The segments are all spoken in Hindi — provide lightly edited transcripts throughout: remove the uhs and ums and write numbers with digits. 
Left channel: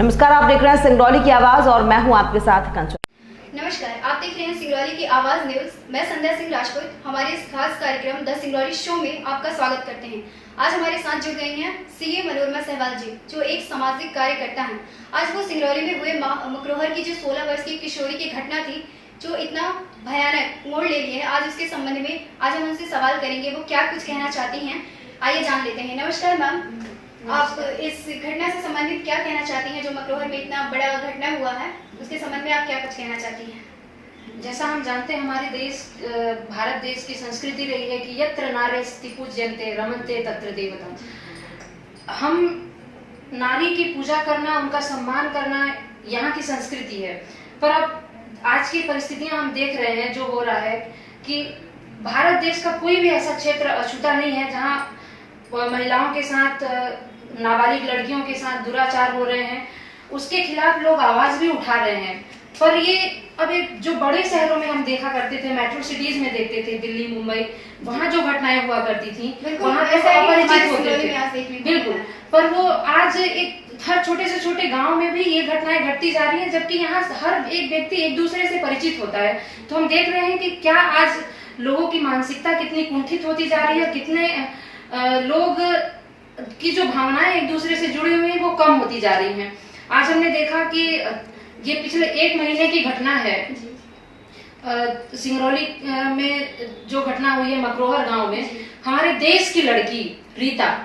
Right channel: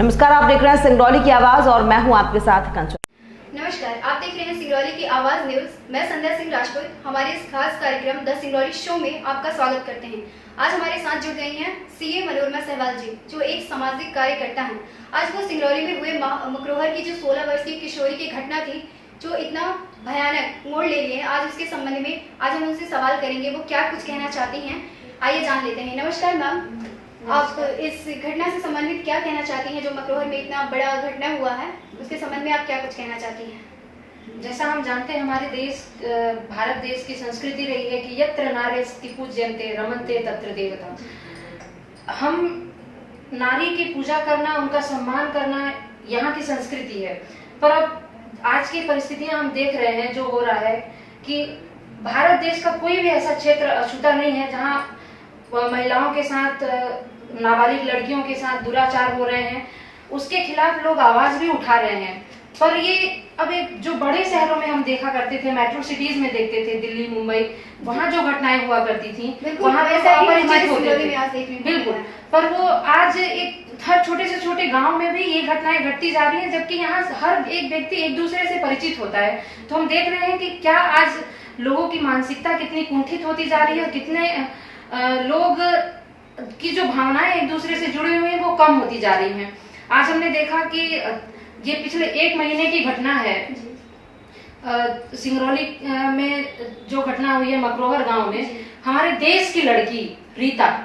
नमस्कार, आप देख रहे हैं सिंगरौली की आवाज और मैं हूं आपके साथ कंचन। नमस्कार, आप देख रहे हैं सिंगरौली की आवाज न्यूज। मैं संध्या सिंह राजपूत हमारे इस खास कार्यक्रम द सिंगरौली शो में आपका स्वागत करते हैं। आज हमारे साथ जुड़ गई हैं सीए मनोरमा सहवाल जी, जो एक सामाजिक कार्यकर्ता हैं। आज वो सिंगरौली में हुए मकरोहर की जो 16 वर्ष की किशोरी की घटना थी, जो इतना भयानक मोड़ ले लिए, आज उसके संबंध में आज हम उनसे सवाल करेंगे, वो क्या कुछ कहना चाहती हैं। आइए जान लेते हैं। नमस्कार मैम, आप इस घटना से संबंधित क्या कहना चाहती हैं? जो मकरोहर में इतना बड़ा घटना हुआ है, उसके संबंध में आप क्या कुछ कहना चाहती हैं? जैसा हम जानते हैं, हमारे देश भारत देश की संस्कृति रही है कि यत्र नार्यस्ति पूज्यन्ते रमन्ते तत्र देवता। हम नारी की पूजा करना, उनका सम्मान करना यहाँ की संस्कृति है। पर अब आज की परिस्थितियां हम देख रहे हैं, जो हो रहा है कि भारत देश का कोई भी ऐसा क्षेत्र अछूता नहीं है जहाँ महिलाओं के साथ, नाबालिग लड़कियों के साथ दुराचार हो रहे हैं। उसके खिलाफ लोग आवाज भी उठा रहे हैं। पर ये अब एक जो बड़े शहरों में हम देखा करते थे, मेट्रो सिटीज में देखते थे, दिल्ली मुंबई, वहाँ जो घटनाएं हुआ करती थी, वहाँ अपरिचित होते थे बिल्कुल। पर वो आज एक हर छोटे से छोटे गांव में भी ये घटनाएं घटती जा रही हैं, जबकि यहाँ हर एक व्यक्ति एक दूसरे से परिचित होता है। तो हम देख रहे हैं कि क्या आज लोगों की मानसिकता कितनी कुंठित होती जा रही है, कितने लोग की जो भावनाएं एक दूसरे से जुड़े हुए हैं वो कम होती जा रही हैं। आज हमने देखा कि ये पिछले 1 महीने की घटना है। सिंगरौली में जो घटना हुई है मकरोहर गांव में, हमारे देश की लड़की रीता,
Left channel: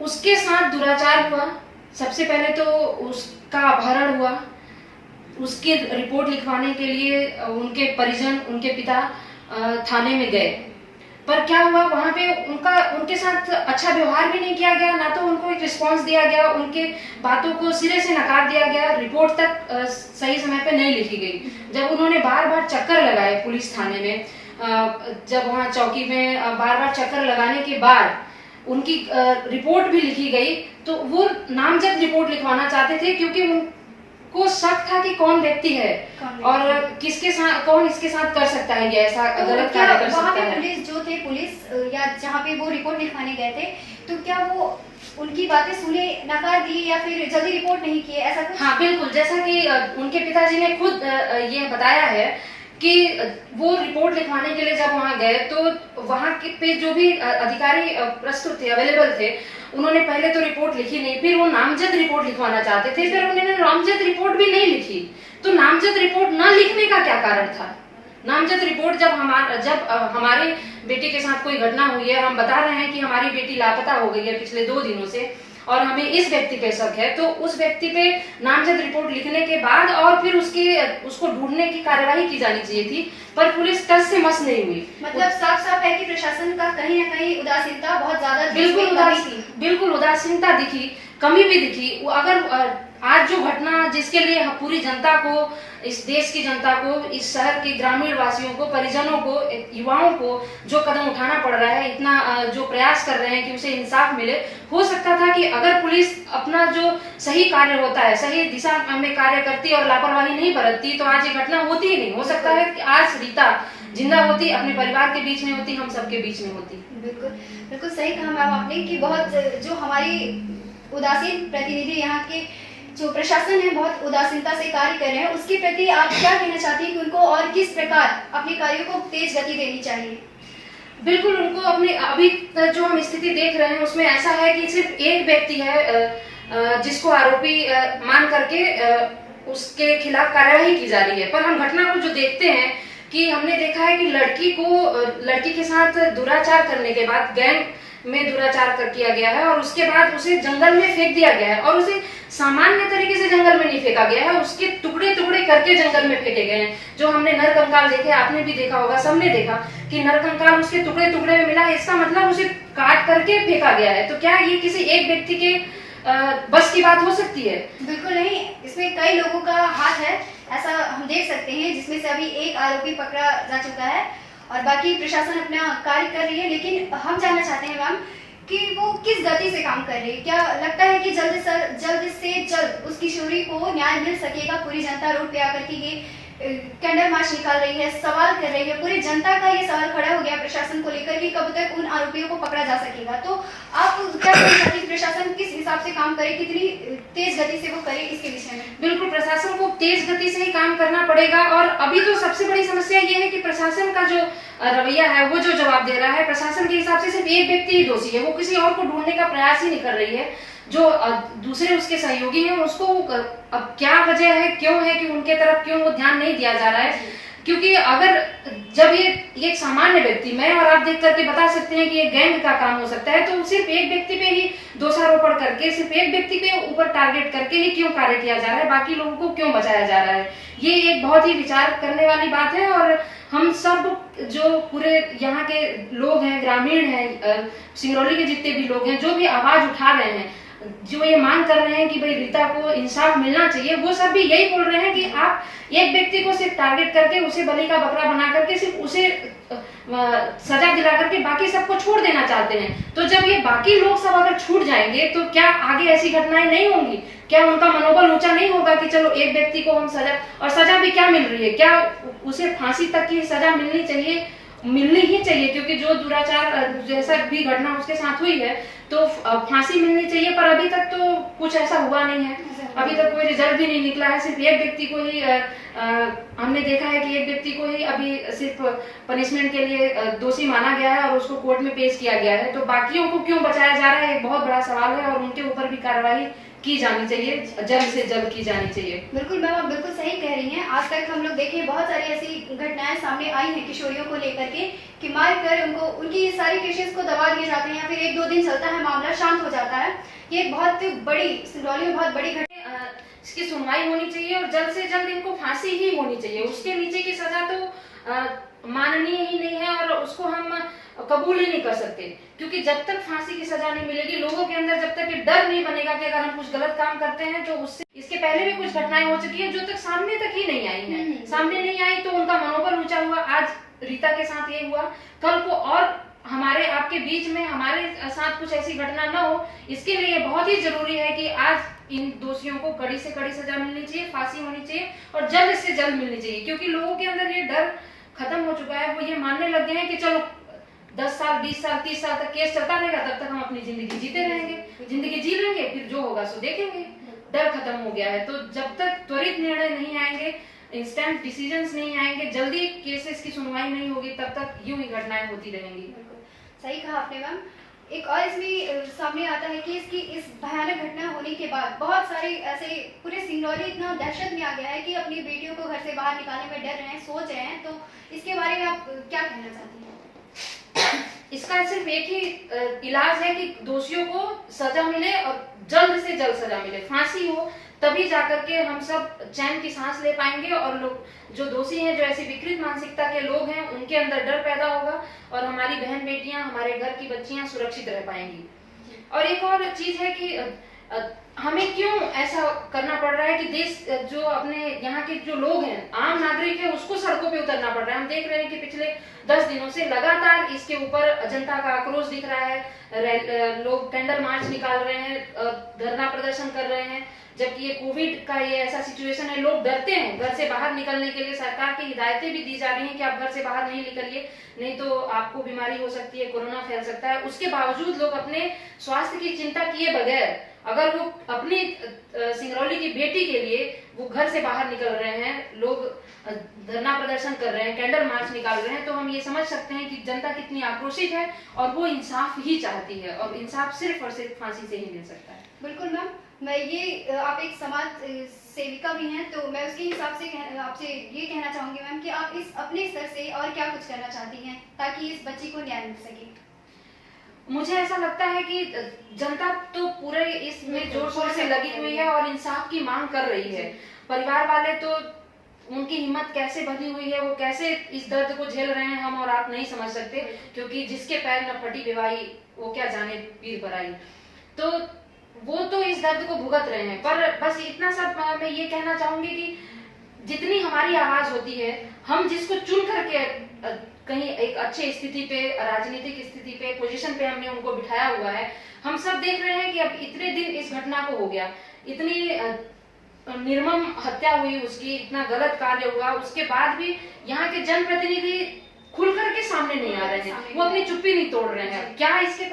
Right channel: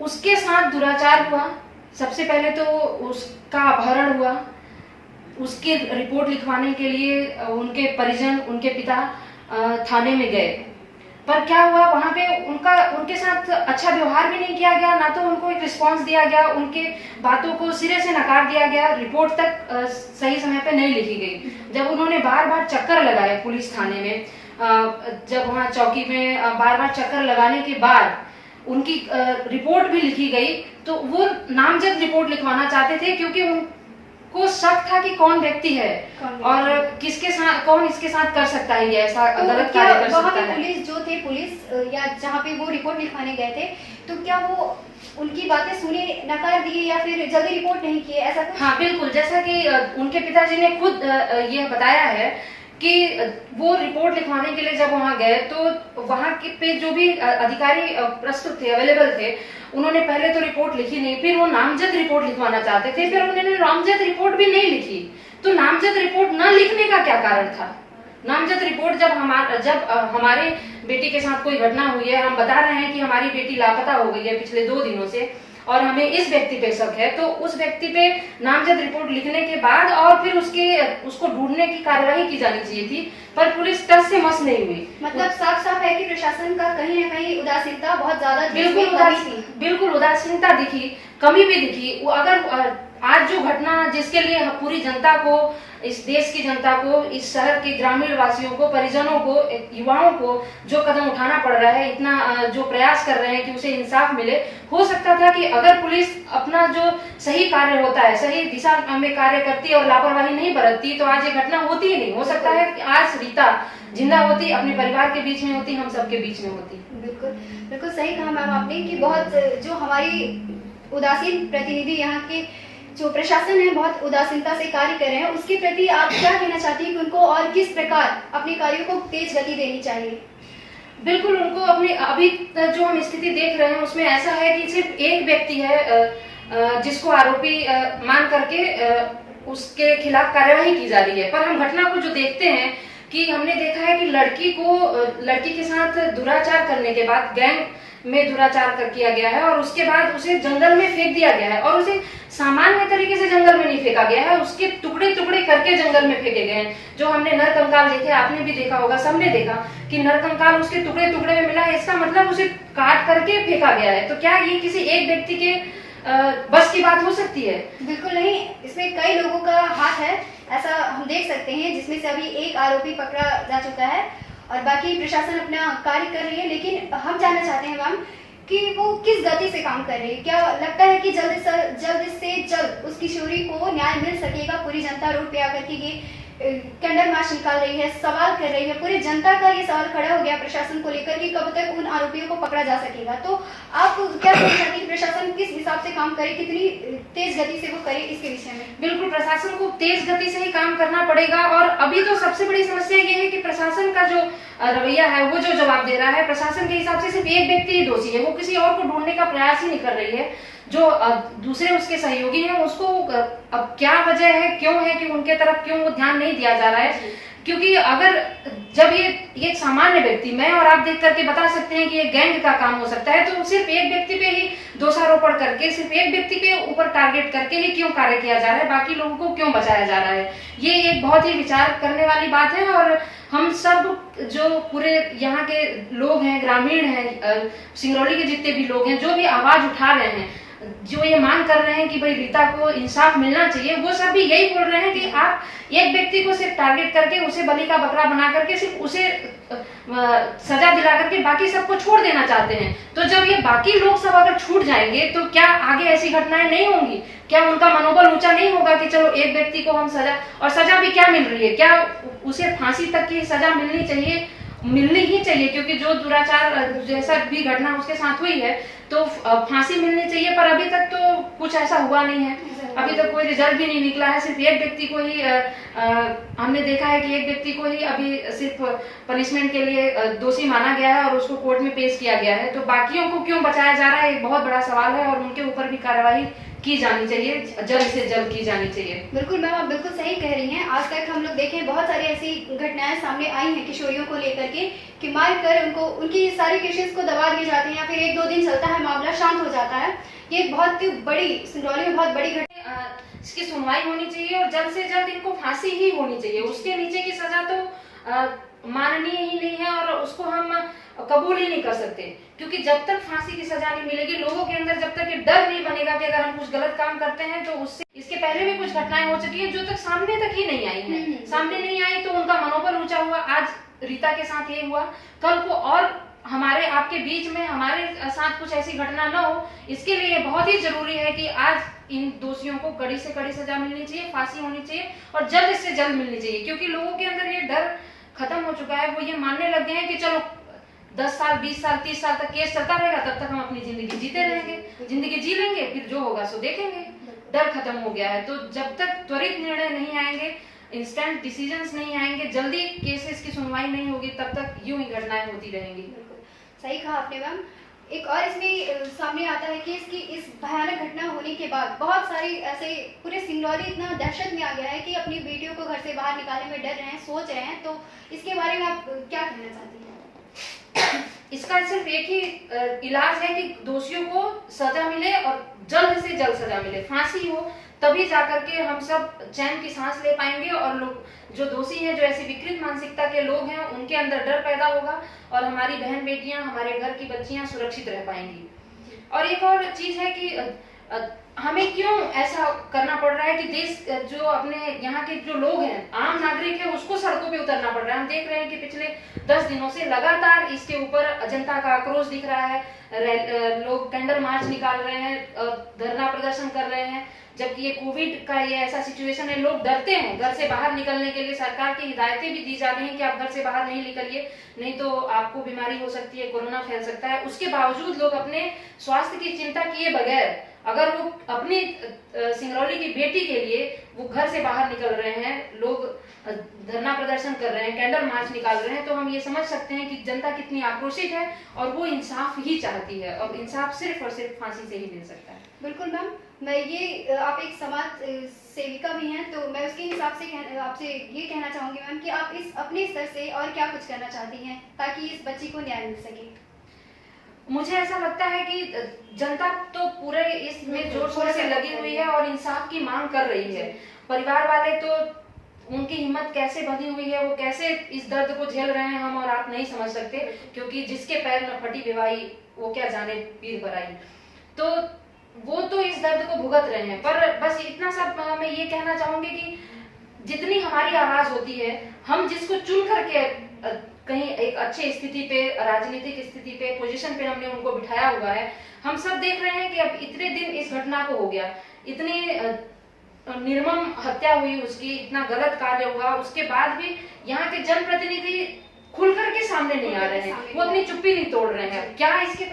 उसके साथ दुराचार हुआ। सबसे पहले तो उसका अपहरण हुआ। उसकी रिपोर्ट लिखवाने के लिए उनके परिजन, उनके पिता थाने में गए। पर क्या हुआ, वहां पे उनके साथ अच्छा व्यवहार भी नहीं किया गया, ना तो उनको एक रिस्पांस दिया गया, उनके बातों को सिरे से नकार दिया गया। रिपोर्ट तक सही समय पे नहीं लिखी गई। जब उन्होंने बार बार चक्कर लगाए पुलिस थाने में, जब वहां चौकी में बार बार चक्कर लगाने के बाद उनकी रिपोर्ट भी लिखी गई, तो वो नामजद रिपोर्ट लिखवाना चाहते थे, क्योंकि को शक था कि कौन व्यक्ति है और किसके साथ, कौन इसके साथ कर सकता है ये ऐसा गलत कार्य कर सकता है। पुलिस जो थे, पुलिस या जहाँ पे वो रिपोर्ट लिखवाने गए थे, तो क्या वो उनकी बातें सुने, नकार दिए या फिर जल्दी रिपोर्ट नहीं किए, ऐसा कुछ? हाँ बिल्कुल, जैसा कि उनके पिताजी ने खुद ये बताया है कि वो रिपोर्ट लिखवाने के लिए जब वहां गए, तो वहां के पे जो भी अधिकारी प्रस्तुत थे, अवेलेबल थे, उन्होंने पहले तो रिपोर्ट लिखी नहीं, फिर वो नामजद रिपोर्ट लिखवाना चाहते थे, फिर उन्होंने नामजद रिपोर्ट भी नहीं लिखी। तो नामजद रिपोर्ट न लिखने का क्या कारण था? नामजद रिपोर्ट जब हमारे बेटी के साथ कोई घटना हुई है, हम बता रहे हैं कि हमारी बेटी लापता हो गई है पिछले 2 दिनों से, और हमें इस व्यक्ति पे शक है, तो उस व्यक्ति पे नामजद रिपोर्ट लिखने के बाद और फिर उसको ढूंढने की कार्यवाही की जानी चाहिए थी। पर पुलिस टस से मस नहीं हुई। मतलब साफ साफ है कि प्रशासन का कहीं ना कहीं उदासीनता बहुत ज्यादा, बिल्कुल उदासीनता दिखी, कमी भी दिखी। अगर आज जो घटना, जिसके लिए पूरी जनता को, इस देश की जनता को, इस शहर के ग्रामीण वासियों को, परिजनों को, युवाओं को जो कदम उठाना पड़ रहा है, इतना जो प्रयास कर रहे हैं कि उसे इंसाफ मिले, हो सकता था कि अगर पुलिस अपना जो सही कार्य होता है, सही दिशा में कार्य करती और लापरवाही नहीं बरतती, तो आज ये घटना होती ही नहीं। हो सकता है कि आज रीता जिंदा होती, अपने परिवार के बीच में होती, हम सबके बीच में होती। बिल्कुल बिल्कुल सही कहा मैम आपने कि बहुत जो हमारी उदासीन प्रतिनिधि, यहाँ के जो प्रशासन है, बहुत उदासीनता से कार्य कर रहे हैं। उसके प्रति आप क्या कहना चाहती हैं कि उनको और किस प्रकार अपने कार्यों को तेज गति देनी चाहिए? बिल्कुल, उनको अपनी अभी जो हम स्थिति देख रहे हैं उसमें ऐसा है कि सिर्फ एक व्यक्ति है जिसको आरोपी मान करके उसके खिलाफ कार्यवाही की जा रही है। पर हम घटना को जो देखते हैं कि हमने देखा है कि लड़की के साथ दुराचार करने के बाद गैंग में दुराचार कर किया गया है, और उसके बाद उसे जंगल में फेंक दिया गया है। और उसे सामान्य तरीके से जंगल में नहीं फेंका गया है, उसके टुकड़े टुकड़े करके जंगल में फेंके गए हैं। जो हमने नरकंकाल देखे, आपने भी देखा होगा, सबने देखा कि नरकंकाल उसके टुकड़े टुकड़े में मिला है। इसका मतलब उसे काट करके फेंका गया है। तो क्या ये किसी एक व्यक्ति के बस की बात हो सकती है? बिल्कुल नहीं, इसमें कई लोगों का हाथ है, ऐसा हम देख सकते हैं, जिसमें से अभी एक आरोपी पकड़ा जा चुका है और बाकी प्रशासन अपना कार्य कर रही है। लेकिन हम जानना चाहते हैं मैम कि वो किस गति से काम कर रही है? क्या लगता है कि जल्द से जल्द उस किशोरी को न्याय मिल सकेगा? पूरी जनता रोड पे आकर के ये कैंडल मार्च निकाल रही है, सवाल कर रही है, पूरी जनता का ये सवाल खड़ा हो गया प्रशासन को लेकर कि कब तक उन आरोपियों को पकड़ा जा सकेगा। तो आप क्या कहना कि प्रशासन किस हिसाब से काम करे, कितनी तेज गति से वो करे इसके विषय में? बिल्कुल, प्रशासन को तेज गति से ही काम करना पड़ेगा। और अभी तो सबसे बड़ी समस्या ये है कि प्रशासन का जो रवैया है, वो जो जवाब दे रहा है, प्रशासन के हिसाब से सिर्फ एक व्यक्ति ही दोषी है, वो किसी और को ढूंढने का प्रयास ही नहीं कर रही है। जो दूसरे उसके सहयोगी हैं उसको अब क्या वजह है, क्यों है कि उनके तरफ क्यों वो ध्यान नहीं दिया जा रहा है? क्योंकि अगर जब ये एक सामान्य व्यक्ति, मैं और आप देख करके बता सकते हैं कि ये गैंग का काम हो सकता है, तो सिर्फ एक व्यक्ति पे ही दोषारोपण करके, सिर्फ एक व्यक्ति पे ऊपर टारगेट करके ही क्यों कार्य किया जा रहा है, बाकी लोगों को क्यों बचाया जा रहा है? ये एक बहुत ही विचार करने वाली बात है। और हम सब जो पूरे यहाँ के लोग हैं, ग्रामीण हैं, सिंगरौली के जितने भी लोग हैं, जो भी आवाज उठा रहे हैं, जो ये मांग कर रहे हैं कि भाई रीता को इंसाफ मिलना चाहिए, वो सब भी यही बोल रहे हैं कि आप एक व्यक्ति को सिर्फ टारगेट करके, उसे बलि का बकरा बना करके, सिर्फ उसे सजा दिला करके बाकी सबको छोड़ देना चाहते हैं। तो जब ये बाकी लोग सब अगर छूट जाएंगे तो क्या आगे ऐसी घटनाएं नहीं होंगी? क्या उनका मनोबल ऊंचा नहीं होगा कि चलो एक व्यक्ति को हम सजा, और सजा भी क्या मिल रही है, क्या उसे फांसी तक की सजा मिलनी चाहिए? मिलनी ही चाहिए, क्योंकि जो दुराचार जैसा भी घटना उसके साथ हुई है तो फांसी मिलनी चाहिए। पर अभी तक तो कुछ ऐसा हुआ नहीं है, अभी तक कोई रिजल्ट भी नहीं निकला है। सिर्फ एक व्यक्ति को ही हमने देखा है कि एक व्यक्ति को ही अभी सिर्फ पनिशमेंट के लिए दोषी माना गया है और उसको कोर्ट में पेश किया गया है। तो बाकियों को क्यों बचाया जा रहा है, एक बहुत बड़ा सवाल है, और उनके ऊपर भी कार्रवाई की जानी चाहिए, जल्द से जल्द की जानी चाहिए। बिल्कुल मैम, आप बिल्कुल सही कह रही हैं। आज तक हम लोग देखें बहुत सारी ऐसी घटनाएं सामने आई हैं किशोरियों को लेकर के कि मार कर उनको, उनकी सारी केसेस को दबा दिए जाते हैं या फिर 1-2 दिन चलता है, मामला शांत हो जाता है। ये बहुत बड़ी, सिंगरौली में बहुत बड़ी घटना, इसकी सुनवाई होनी चाहिए और जल्द से जल्द इनको फांसी ही होनी चाहिए। उसके नीचे की सजा तो माननीय ही नहीं है और उसको हम कबूल ही नहीं कर सकते, क्योंकि जब तक फांसी की सजा नहीं मिलेगी, लोगों के अंदर जब तक ये डर नहीं बनेगा कि अगर हम कुछ गलत काम करते हैं तो उससे, इसके पहले भी कुछ घटनाएं हो चुकी हैं जो तक सामने तक ही नहीं आई हैं, सामने नहीं आई तो उनका मनोबल ऊंचा हुआ। आज रीता के साथ ये हुआ, कल को और हमारे आपके बीच में हमारे साथ कुछ ऐसी घटना न हो, इसके लिए बहुत ही जरूरी है कि आज इन दोषियों को कड़ी से कड़ी सजा मिलनी चाहिए, फांसी होनी चाहिए और जल्द से जल्द मिलनी चाहिए। क्योंकि लोगों के अंदर ये डर खत्म हो चुका है, वो ये मानने लग गए हैं कि चलो 10 साल 20 साल 30 साल तक केस चलता रहेगा, तब तक हम अपनी जिंदगी जीते रहेंगे, जिंदगी जी लेंगे, फिर जो होगा सो देखेंगे। डर खत्म हो गया है। तो जब तक त्वरित निर्णय नहीं आएंगे, इंस्टेंट डिसीजंस नहीं आएंगे, जल्दी केसेस की सुनवाई नहीं होगी, तब तक यूं ही घटनाएं होती रहेंगी। सही कहा आपने मैम। एक और इसमें सामने आता है कि इसकी इस भयानक घटना होने के बाद बहुत सारे ऐसे, पूरे सिंगरौली इतना दहशत में आ गया है कि अपनी बेटियों को घर से बाहर निकालने में डर रहे हैं, सोच रहे हैं। तो इसके बारे में आप क्या कहना चाहती हैं? इसका सिर्फ एक ही इलाज है कि दोषियों को सजा मिले और जल्द से जल्द सजा मिले, फांसी हो, तभी जाकर के हम सब चैन की सांस ले पाएंगे और लोग जो दोषी हैं, जो ऐसी विकृत मानसिकता के लोग हैं, उनके अंदर डर पैदा होगा और हमारी बहन बेटियां, हमारे घर की बच्चियां सुरक्षित रह पाएंगी। और एक और चीज है कि हमें क्यों ऐसा करना पड़ रहा है कि देश, जो अपने यहाँ के जो लोग हैं, आम नागरिक है, उसको सड़कों पे उतरना पड़ रहा है। हम देख रहे हैं कि पिछले 10 दिनों से लगातार इसके ऊपर जनता का आक्रोश दिख रहा है। लोग कैंडल मार्च निकाल रहे हैं, धरना प्रदर्शन कर रहे हैं, जबकि ये कोविड का ये ऐसा सिचुएशन है, लोग डरते हैं घर से बाहर निकलने के लिए। सरकार की हिदायतें भी दी जा रही हैं कि आप घर से बाहर नहीं निकलिए, नहीं तो आपको बीमारी हो सकती है, कोरोना फैल सकता है। उसके बावजूद लोग अपने स्वास्थ्य की चिंता किए बगैर, अगर वो अपनी सिंगरौली की बेटी के लिए वो घर से बाहर निकल रहे हैं, लोग धरना प्रदर्शन कर रहे हैं, कैंडल मार्च निकाल रहे हैं, तो हम ये समझ सकते हैं कि जनता कितनी आक्रोशित है और वो इंसाफ ही चाहती है और इंसाफ सिर्फ और सिर्फ फांसी से ही मिल सकता है। बिल्कुल मैम, मैं ये, आप एक समाज सेविका भी हैं, तो मैं उसके हिसाब से आपसे ये कहना चाहूंगी मैम कि आप इस अपने स्तर से और क्या कुछ करना चाहती हैं ताकि इस बच्ची को न्याय मिल सके। मुझे ऐसा लगता है कि जनता तो पूरे इसमें जोर शोर से लगी हुई है और इंसाफ की मांग कर रही है। परिवार वाले तो, उनकी हिम्मत कैसे बनी हुई है, वो कैसे इस दर्द को झेल रहे हैं, हम और आप नहीं समझ सकते, क्योंकि जिसके पैर न फटी बेवाई वो क्या जाने पीर भराई। तो वो तो इस दर्द को भुगत रहे हैं। पर बस इतना सब मैं ये कहना चाहूंगी कि जितनी हमारी आवाज होती है, हम जिसको चुन करके कहीं एक अच्छे स्थिति पे, राजनीतिक स्थिति पे, पोजीशन पे हमने उनको बिठाया हुआ है, हम सब देख रहे हैं कि अब इतने दिन इस घटना को हो गया, इतने निर्मम हत्या हुई, उसकी इतना गलत कार्य हुआ, उसके बाद भी यहाँ के जनप्रतिनिधि खुलकर के सामने नहीं आ रहे हैं, वो अपनी चुप्पी नहीं तोड़ रहे हैं। क्या इसके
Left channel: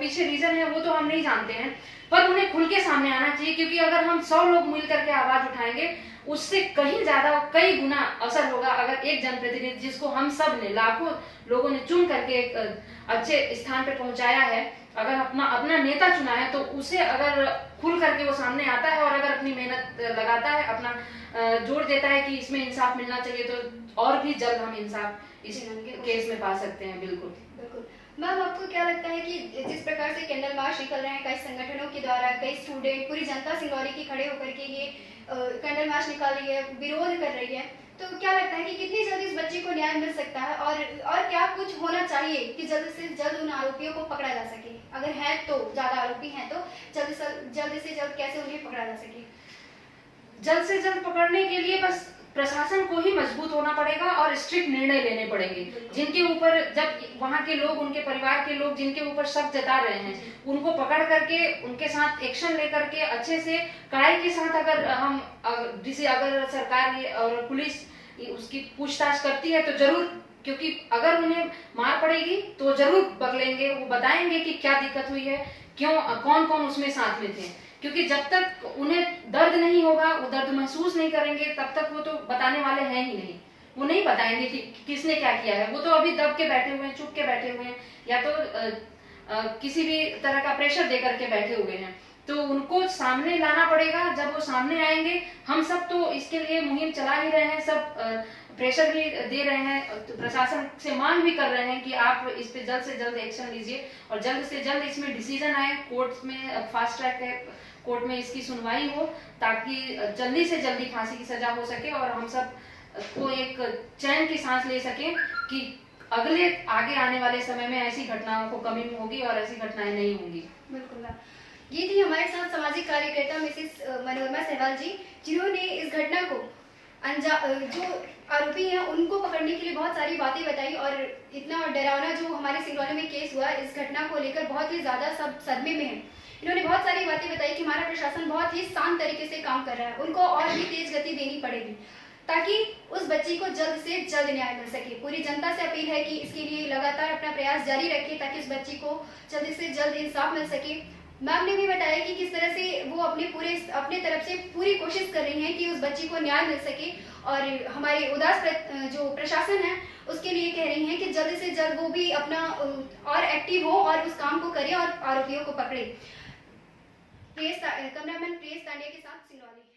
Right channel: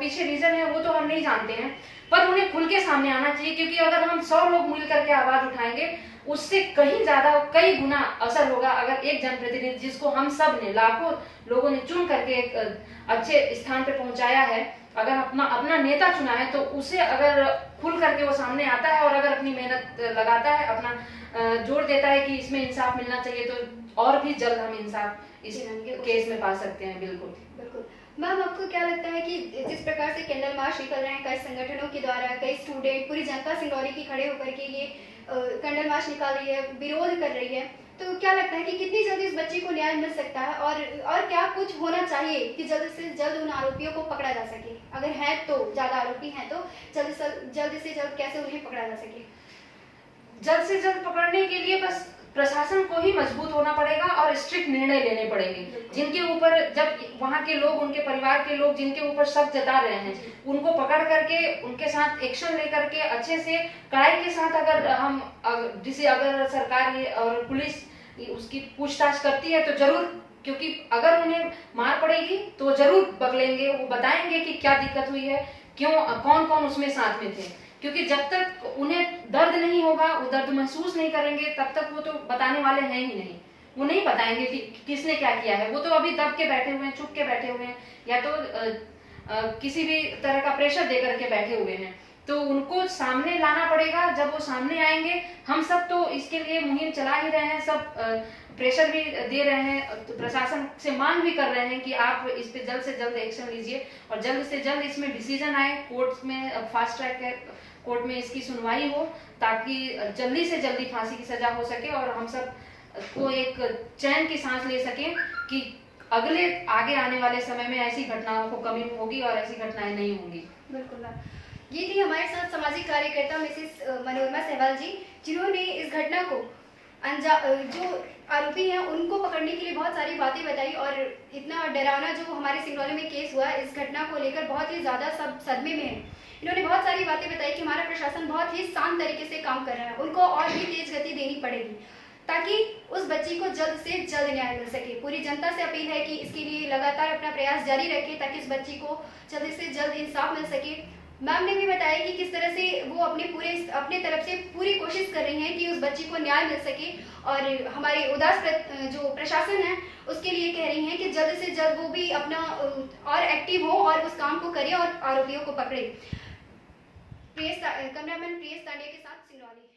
पीछे रीजन है वो तो हम नहीं जानते हैं, पर उन्हें खुल के सामने आना चाहिए, क्योंकि अगर हम 100 लोग मिल करके आवाज उठाएंगे उससे कहीं ज्यादा, कई गुना असर होगा अगर एक जनप्रतिनिधि, जिसको हम सब ने, लाखों लोगों ने चुन करके एक अच्छे स्थान पे पहुंचाया है, अगर अपना नेता चुना है, तो उसे अगर खुल करके वो सामने आता है और अगर अपनी मेहनत लगाता है, अपना जोर देता है कि इसमें इंसाफ मिलना चाहिए, तो और भी जल्द हम इंसाफ इस केस में पा सकते हैं। बिल्कुल बिल्कुल। मैम, आपको क्या लगता है कि जिस प्रकार से कैंडल मार्च निकल रहे हैं कई संगठनों के द्वारा, कई स्टूडेंट, पूरी जनता सिंगरौली की खड़े होकर के ये कैंडल मार्च निकाल रही है, विरोध कर रही है, तो क्या लगता है कि कितनी जल्दी इस बच्ची को न्याय मिल सकता है, और क्या कुछ होना चाहिए कि जल्द से जल्द उन आरोपियों को पकड़ा जा सके? अगर है तो, ज्यादा आरोपी हैं तो जल्द से जल्द कैसे उन्हें पकड़ा जा सके? जल्द से जल्द पकड़ने के लिए बस प्रशासन को ही मजबूत होना पड़ेगा और स्ट्रिक्ट निर्णय लेने पड़ेंगे। जिनके ऊपर, जब वहाँ के लोग, उनके परिवार के लोग जिनके ऊपर शक जता रहे हैं, उनको पकड़ करके उनके साथ एक्शन लेकर के अच्छे से कड़ाई के साथ अगर सरकार और पुलिस उसकी पूछताछ करती है तो जरूर, क्योंकि अगर उन्हें मार पड़ेगी तो जरूर पकड़ेंगे, वो बताएंगे कि क्या दिक्कत हुई है, क्यों, कौन कौन उसमें साथ में थे। क्योंकि जब तक उन्हें दर्द नहीं होगा, वो दर्द महसूस नहीं करेंगे, तब तक वो तो बताने वाले हैं ही नहीं। वो नहीं बताएंगे कि किसने क्या किया है, वो तो अभी दब के बैठे हुए हैं, चुप के बैठे हुए हैं, या तो किसी भी तरह का प्रेशर दे करके बैठे हुए हैं। तो उनको सामने लाना पड़ेगा। जब वो सामने आएंगे, हम सब तो इसके लिए मुहिम चला ही रहे हैं, सब प्रेशर भी दे रहे हैं, तो प्रशासन से मांग भी कर रहे हैं कि आप इस पे जल्द से जल्द एक्शन लीजिए और जल्द से जल्द इसमें डिसीजन आए, कोर्ट में फास्ट ट्रैक है, कोर्ट में इसकी सुनवाई हो, ताकि जल्दी से जल्दी फांसी की सजा हो सके और हम सब को एक चैन की सांस ले सके कि आगे आने वाले समय में ऐसी घटनाओं को कमी होगी और ऐसी घटनाएं नहीं होंगी। बिल्कुल। ये थी हमारे साथ सामाजिक कार्यकर्ता मिसेस मनोरमा सहवाल जी, जिन्होंने इस घटना को जो आरोपी हैं उनको पकड़ने के लिए बहुत सारी बातें बताई, और इतना डरावना जो हमारे सिंगरौली में केस हुआ, इस घटना को लेकर बहुत ही ज्यादा सब सदमे में हैं। इन्होंने बहुत सारी बातें बताई कि हमारा प्रशासन बहुत ही शांत तरीके से काम कर रहा है, उनको और भी तेज गति देनी पड़ेगी ताकि उस बच्ची को जल्द से जल्द न्याय मिल सके। पूरी जनता से अपील है कि इसके लिए लगातार अपना प्रयास जारी रखें ताकि इस बच्ची को जल्द से जल्द इंसाफ मिल सके। मैम ने भी बताया कि किस तरह से वो अपने तरफ से पूरी कोशिश कर रही हैं कि उस बच्ची को न्याय मिल सके, और हमारे उदास जो प्रशासन है उसके लिए कह रही हैं कि जल्द से जल्द वो भी अपना और एक्टिव हो और उस काम को करे और आरोपियों को पकड़े। कैमरामैन प्रियेश तांडिया के साथ सिंगरौली।